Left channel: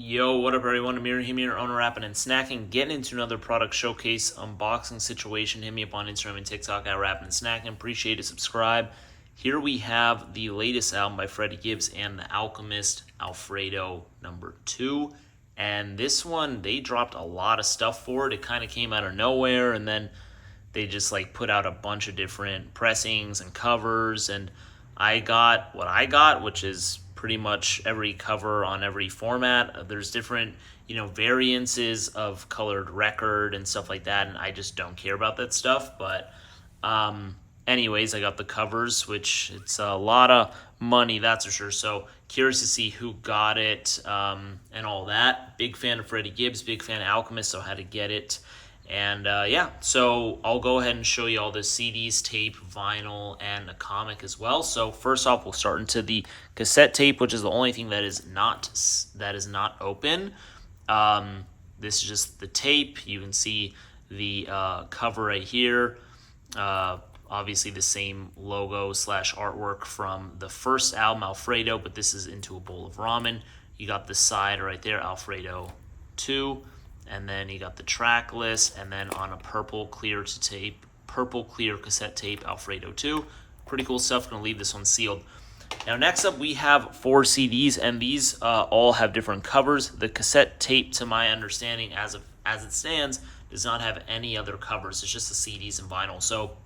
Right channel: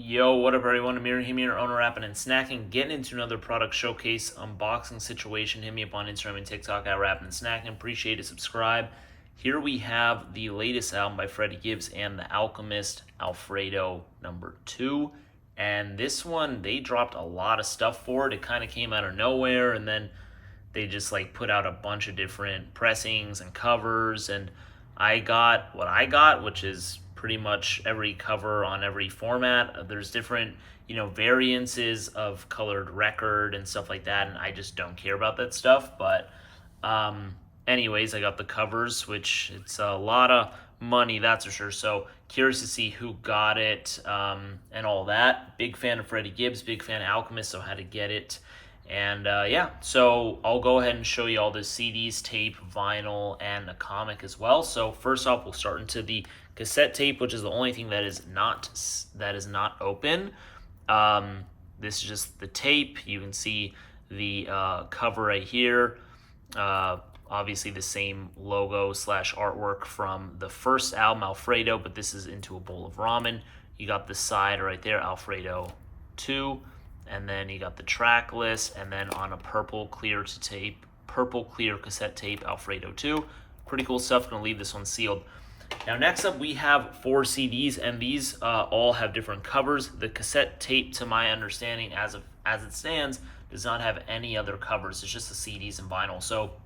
Yo, what up everyone? Amir here, owner Rapping and Snacking, getting into another product showcase unboxing situation. Hit me up on Instagram and TikTok at Rapping and Snacking. Appreciate it, subscribe. Here we have the latest album by Freddie Gibbs and the Alchemist, Alfredo #2. And this one, they dropped a lot of stuff for it. It kind of came out of nowhere, and then they just like put out a bunch of different pressings and covers, and I got what I got, which is pretty much every cover on every format. There's different, variances of colored record and stuff like that, and I just don't care about that stuff. But anyways, I got the covers, which it's a lot of money, that's for sure. So curious to see who got it and all that. Big fan of Freddie Gibbs, big fan of Alchemist, so had to get it. And yeah, so I'll go ahead and show you all the CDs, tape, vinyl, and a comic as well. So first off, we'll start into the cassette tape, which is the only thing that is not open. This is just the tape. You can see the cover right here. Obviously the same logo / artwork from the first album, Alfredo, but this is Into a Bowl of Ramen. You got the side right there, Alfredo 2. And then you got the track list, and then on a purple clear cassette tape, Alfredo 2. Pretty cool stuff. Gonna leave this one sealed. Now next up we have 4 CDs, and these all have different covers. The cassette tape, to my understanding, as it stands, does not have any other covers. It's just the CDs and vinyl. So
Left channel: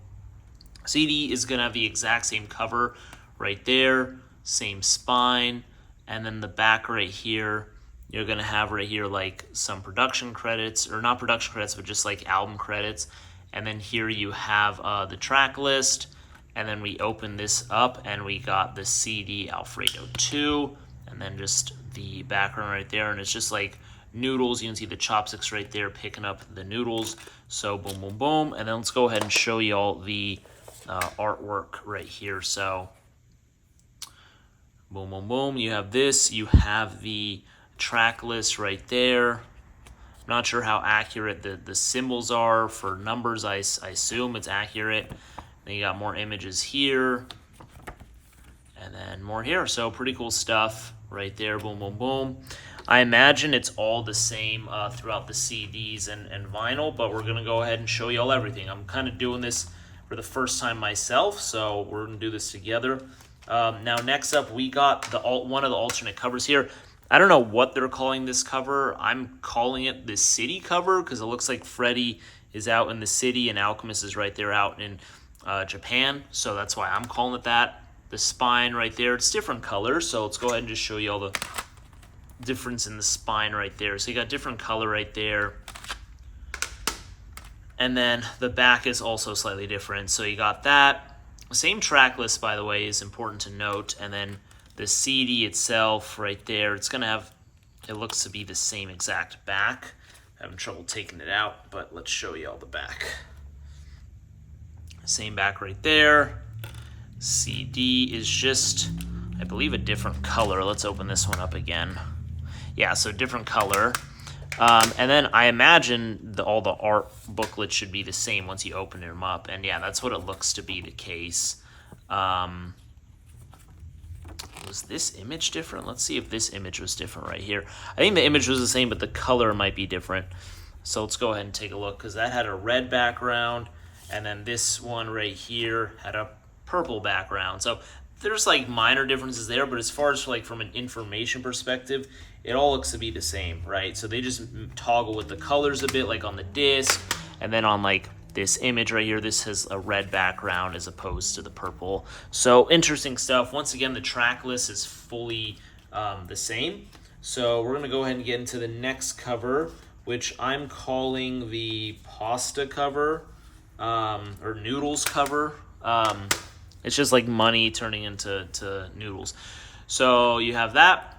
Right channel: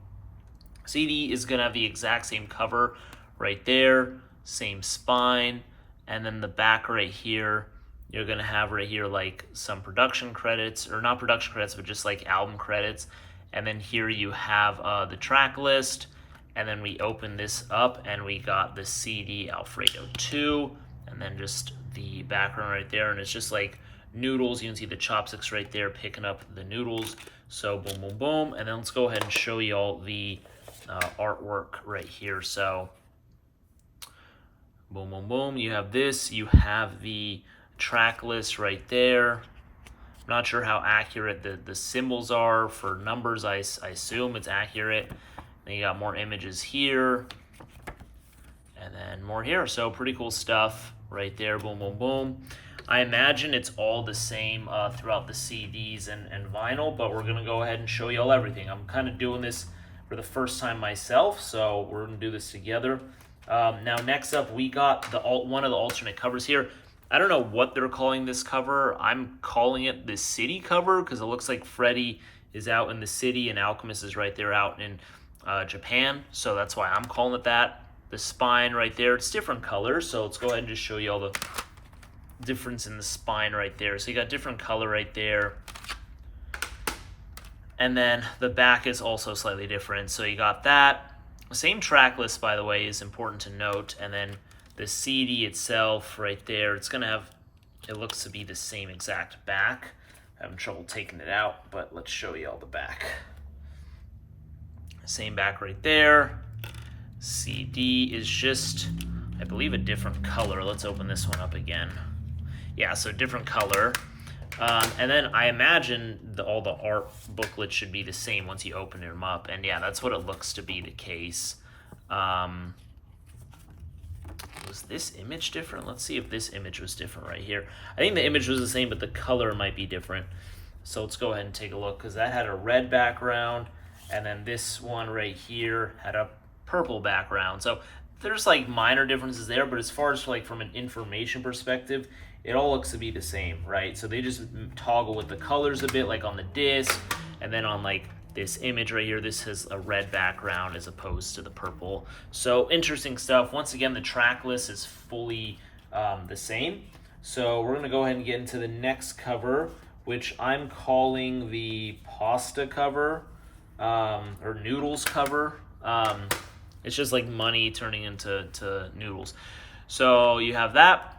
CD is gonna have the exact same cover right there, same spine, and then the back right here, you're going to have right here like some production credits, or not production credits, but just like album credits. And then here you have the track list. And then we open this up and we got the CD Alfredo 2. And then just the background right there. And it's just like noodles. You can see the chopsticks right there picking up the noodles. So boom, boom, boom. And then let's go ahead and show you all the artwork right here. So boom, boom, boom. You have this. You have the track list right there. I'm not sure how accurate the symbols are for numbers. I assume it's accurate. Then you got more images here, and then more here. So pretty cool stuff right there. Boom, boom, boom. I imagine it's all the same throughout the CDs and vinyl, but we're gonna go ahead and show you all everything. I'm kind of doing this for the first time myself, so we're gonna do this together. Now next up, we got one of the alternate covers here. I don't know what they're calling this cover. I'm calling it the city cover because it looks like Freddie is out in the city and Alchemist is right there out in Japan. So that's why I'm calling it that. The spine right there, it's different colors. So let's go ahead and just show you all the difference in the spine right there. So you got different color right there. And then the back is also slightly different. So you got that. Same track list, by the way, is important to note. And then the CD itself right there, it's going to have, it looks to be the same exact back. Having trouble taking it out, but let's show you all the back. Same back right there. CD is just, I believe, a different color. Let's open this one up again. Yeah, so different color. And then I imagine all the art booklets should be the same once you open them up. And yeah, that's what it looks to be the case. Was this image different? Let's see if this image was different right here. I think the image was the same, but the color might be different. So let's go ahead and take a look, because that had a red background, and then this one right here had a purple background. So there's like minor differences there, but as far as like from an information perspective, it all looks to be the same, right? So they just toggle with the colors a bit, like on the disc, and then on like this image right here, this has a red background as opposed to the purple. So interesting stuff. Once again, the track list is fully the same. So we're gonna go ahead and get into the next cover, which I'm calling the pasta cover, or noodles cover. It's just like money turning into noodles. So you have that,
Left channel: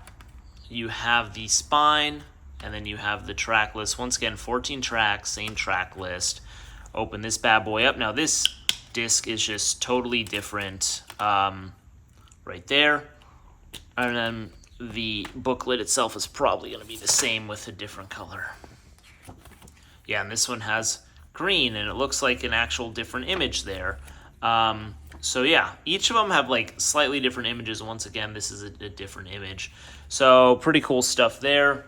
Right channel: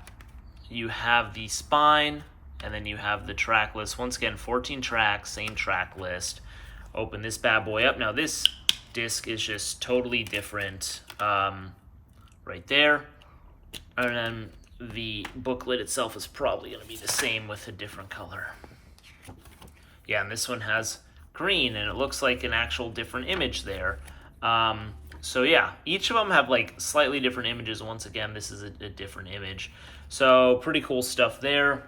you have the spine, and then you have the track list. Once again, 14 tracks, same track list. Open this bad boy up. Now this disc is just totally different right there. And then the booklet itself is probably going to be the same with a different color. Yeah, and this one has green, and it looks like an actual different image there. So yeah, each of them have like slightly different images. Once again, this is a different image. So pretty cool stuff there.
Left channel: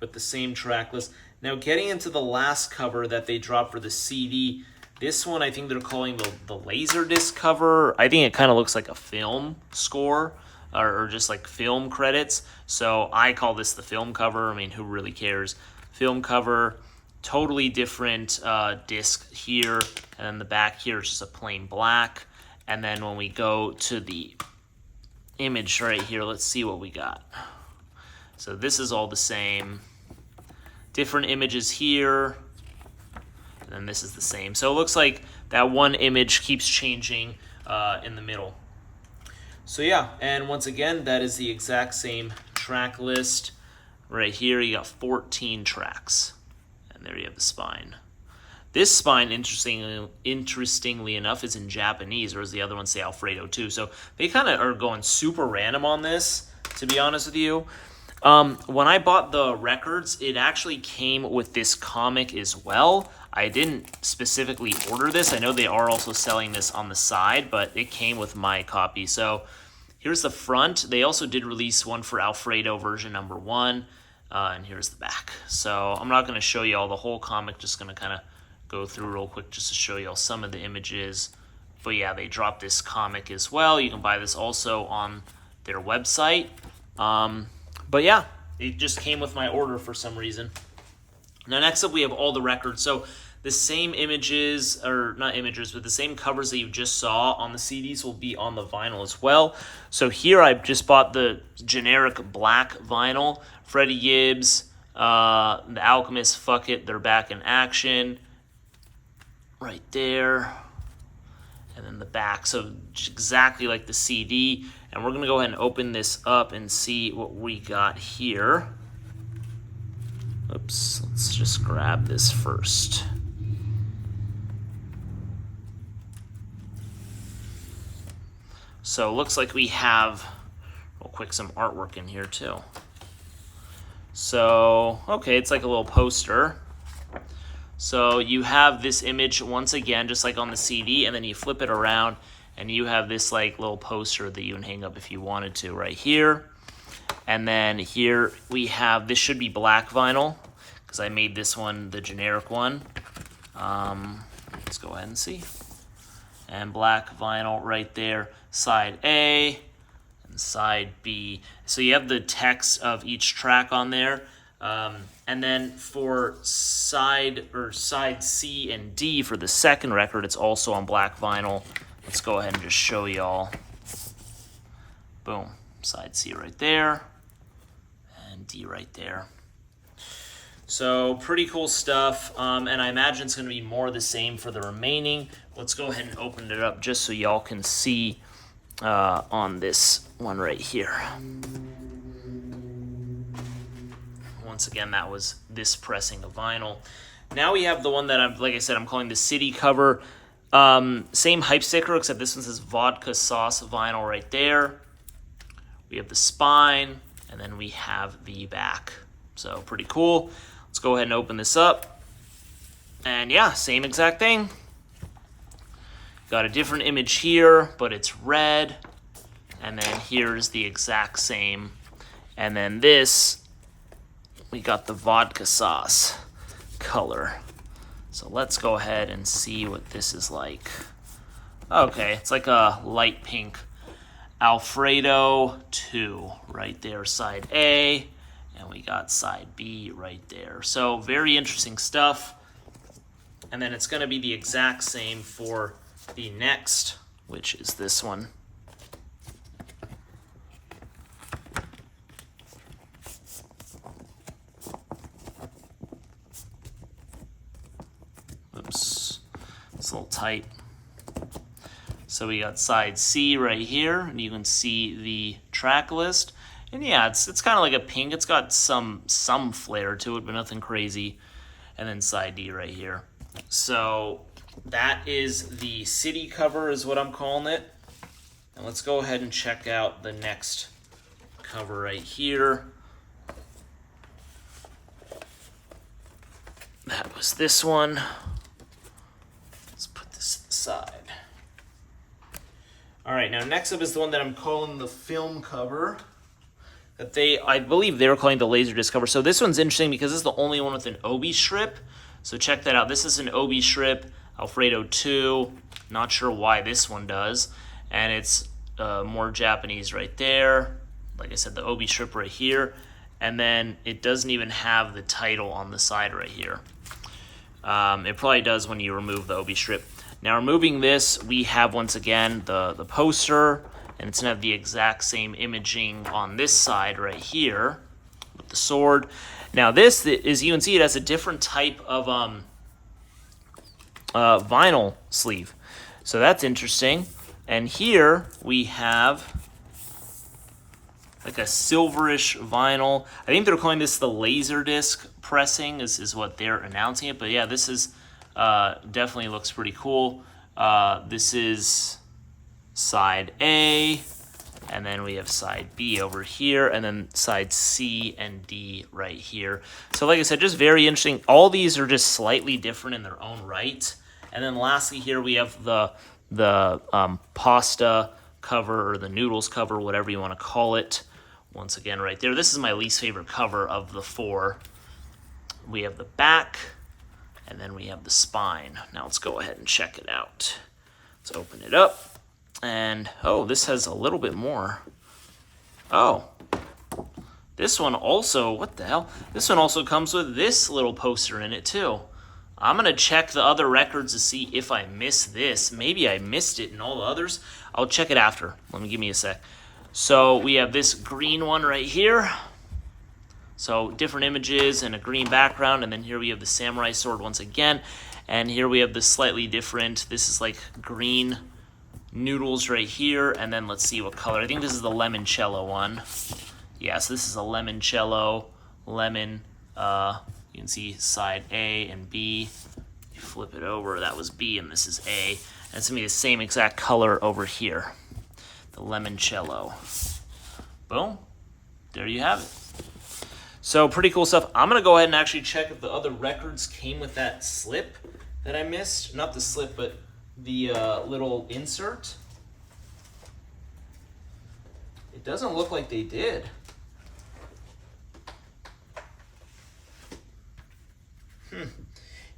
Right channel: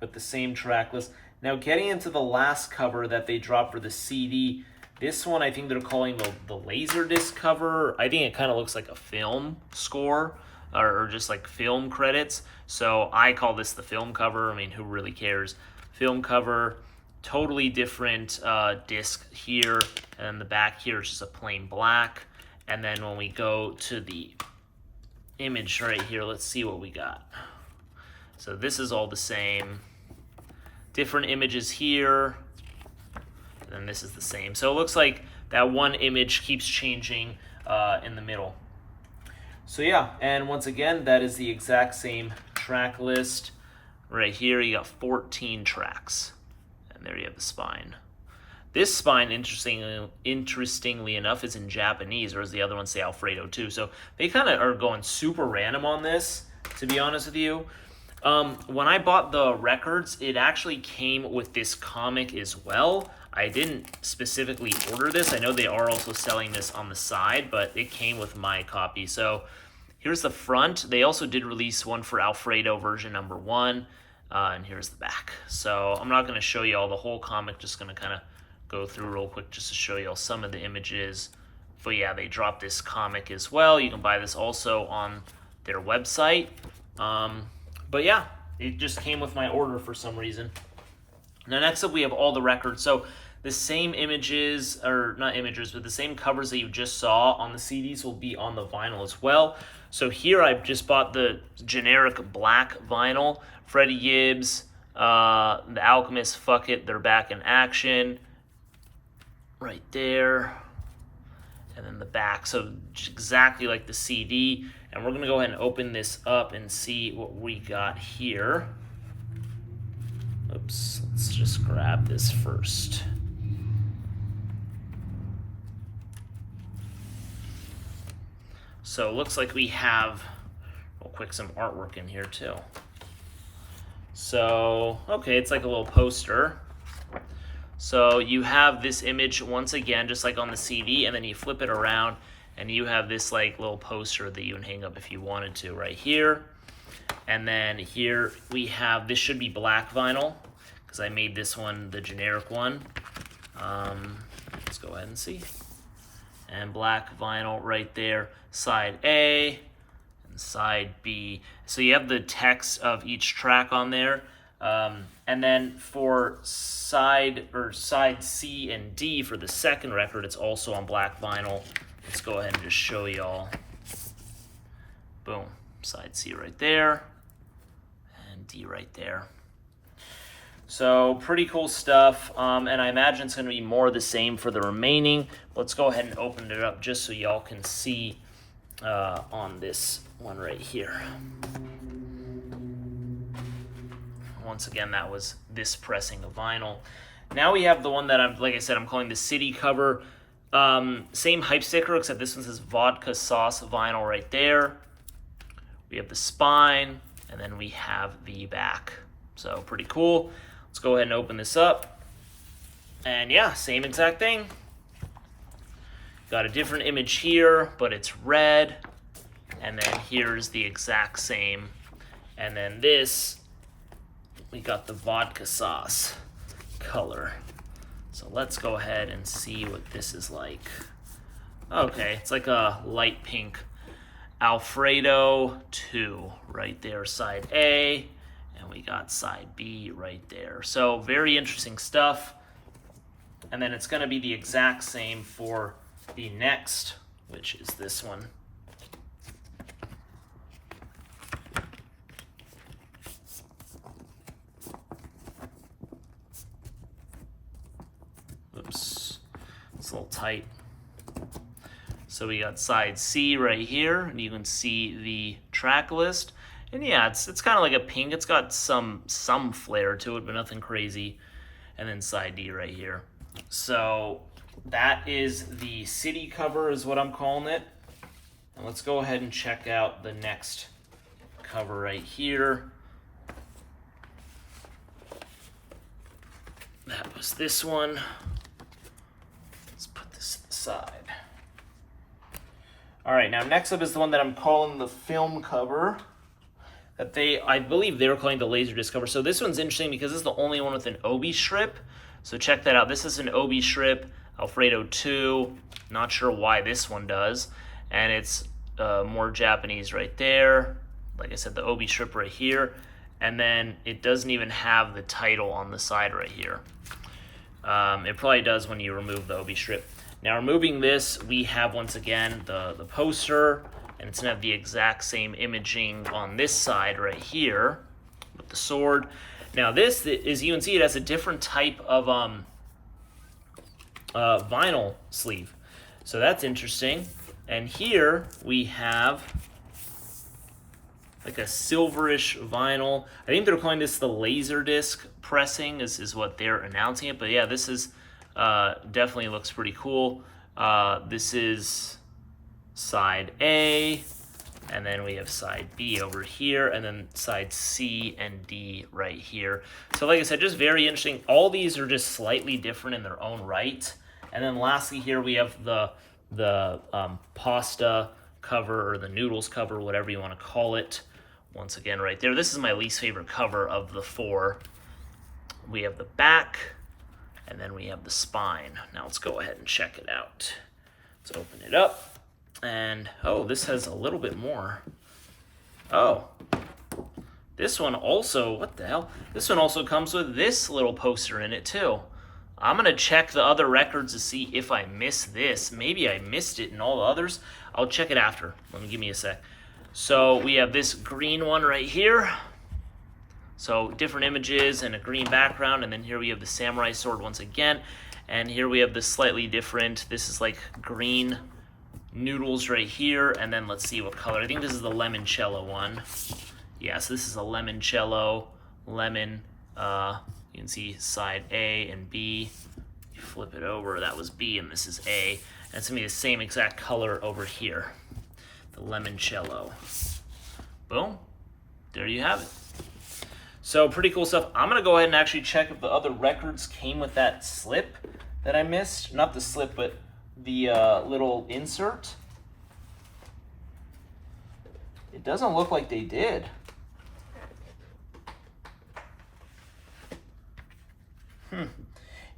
but the same track list. Now getting into the last cover that they dropped for the CD, this one I think they're calling the Laserdisc cover. I think it kind of looks like a film score or just like film credits. So I call this the film cover. I mean, who really cares? Film cover, totally different disc here, and then the back here is just a plain black. And then when we go to the image right here, let's see what we got. So this is all the same. Different images here, and then this is the same. So it looks like that one image keeps changing in the middle. So yeah, and once again, that is the exact same track list. Right here, you got 14 tracks. And there you have the spine. This spine, interestingly enough, is in Japanese, or as the other ones say, Alfredo too. So they kind of are going super random on this, to be honest with you. When I bought the records, it actually came with this comic as well. I didn't specifically order this. I know they are also selling this on the side, but it came with my copy. So here's the front. They also did release one for Alfredo version number 1, and here's the back. So I'm not going to show you all the whole comic, just going to kind of go through real quick just to show you all some of the images. But yeah, they dropped this comic as well. You can buy this also on their website. But yeah, it just came with my order for some reason. Now next up we have all the records. So the same images, or not images, but the same covers that you just saw on the CDs will be on the vinyl as well. So here I just bought the generic black vinyl. Freddie Gibbs, the Alchemist, Fuck It, they're back in action. Right there. And then the back, so exactly like the CD. And we're going to go ahead and open this up and see what we got here. Oops, let's just grab this first. So it looks like we have, real quick, some artwork in here too. So, okay, it's like a little poster. So you have this image once again, just like on the CD, and then you flip it around, and you have this like little poster that you can hang up if you wanted to right here. And then here we have, this should be black vinyl, because I made this one the generic one. Let's go ahead and see. And black vinyl right there, side A and side B. So you have the text of each track on there. And then for side C and D for the second record, it's also on black vinyl. Let's go ahead and just show y'all. Boom, side C right there, and D right there. So pretty cool stuff, and I imagine it's going to be more of the same for the remaining. Let's go ahead and open it up just so y'all can see on this one right here. Once again, that was this pressing the vinyl. Now we have the one that like I said, I'm calling the city cover. Same hype sticker, except this one says Vodka Sauce vinyl right there. We have the spine, and then we have the back. So pretty cool. Let's go ahead and open this up. And yeah, same exact thing. Got a different image here, but it's red. And then here's the exact same. And then this, we got the vodka sauce color. So let's go ahead and see what this is like. Okay, it's like a light pink Alfredo 2 right there, side A, and we got side B right there. So very interesting stuff. And then it's going to be the exact same for the next, which is this one. Oops, it's a little tight. So we got side C right here, and you can see the track list. And yeah, it's kind of like a pink. It's got some flair to it, but nothing crazy. And then side D right here. So that is the city cover is what I'm calling it. And let's go ahead and check out the next cover right here. That was this one. Let's put this aside. All right, now next up is the one that I'm calling the film cover. that I believe they were calling the Laserdisc cover. So this one's interesting because this is the only one with an Obi strip. So check that out. This is an Obi strip, Alfredo 2. Not sure why this one does. And it's more Japanese right there. Like I said, the Obi strip right here. And then it doesn't even have the title on the side right here. It probably does when you remove the Obi strip. Now removing this, we have once again the poster. And it's going to have the exact same imaging on this side right here with the sword. Now this, as you can see, it has a different type of vinyl sleeve. So that's interesting. And here we have like a silverish vinyl. I think they're calling this the Laserdisc pressing is what they're announcing it. But yeah, this is definitely looks pretty cool. This is side A, and then we have side B over here, and then side C and D right here. So like I said, just very interesting. All these are just slightly different in their own right. And then lastly here we have the pasta cover, or the noodles cover, whatever you want to call it. Once again right there. This is my least favorite cover of the 4. We have the back, and then we have the spine. Now let's go ahead and check it out. Let's open it up. And, oh, this has a little bit more. Oh, this one also, what the hell? This one also comes with this little poster in it, too. I'm going to check the other records to see if I missed this. Maybe I missed it in all the others. I'll check it after. Give me a sec. So we have this green one right here. So different images and a green background. And then here we have the samurai sword once again. And here we have the slightly different, this is like green noodles right here, and then let's see what color. I think this is the limoncello one. Yeah, so this is a limoncello, lemon. You can see side A and B. You flip it over, that was B, and this is A. And it's gonna be the same exact color over here, the limoncello. Boom, there you have it. So pretty cool stuff. I'm gonna go ahead and actually check if the other records came with that slip that I missed. Not the slip, but the little insert. It doesn't look like they did.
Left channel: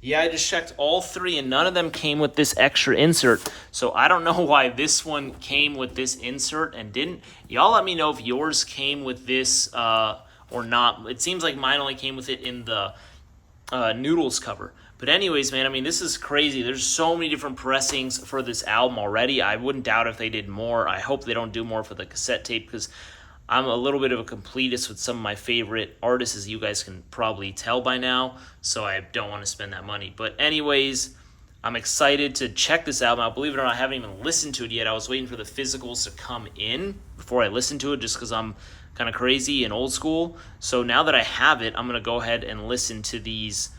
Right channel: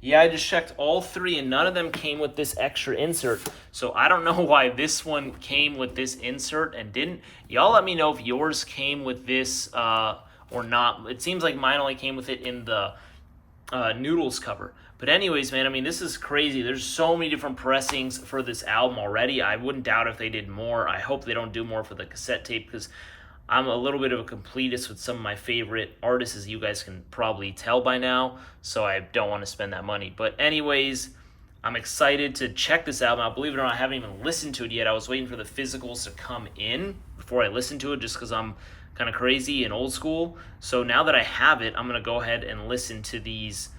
Yeah, I just checked all 3 and none of them came with this extra insert. So I don't know why this one came with this insert and didn't. Y'all let me know if yours came with this or not. It seems like mine only came with it in the noodles cover. But anyways, man, I mean, this is crazy. There's so many different pressings for this album already. I wouldn't doubt if they did more. I hope they don't do more for the cassette tape because I'm a little bit of a completist with some of my favorite artists, as you guys can probably tell by now. So I don't want to spend that money. But anyways, I'm excited to check this album out. Believe it or not, I haven't even listened to it yet. I was waiting for the physicals to come in before I listened to it just because I'm kind of crazy and old school. So now that I have it, I'm going to go ahead and listen to these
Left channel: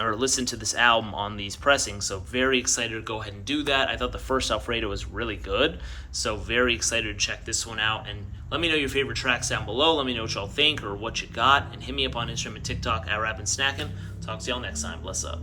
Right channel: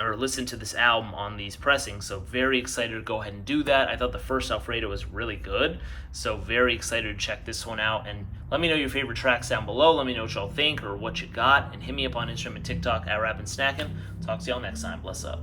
or listen to this album on these pressings. So very excited to go ahead and do that. I thought the first Alfredo was really good. So very excited to check this one out. And let me know your favorite tracks down below. Let me know what y'all think or what you got. And hit me up on Instagram and TikTok at Rappin' Snackin'. Talk to y'all next time. Bless up.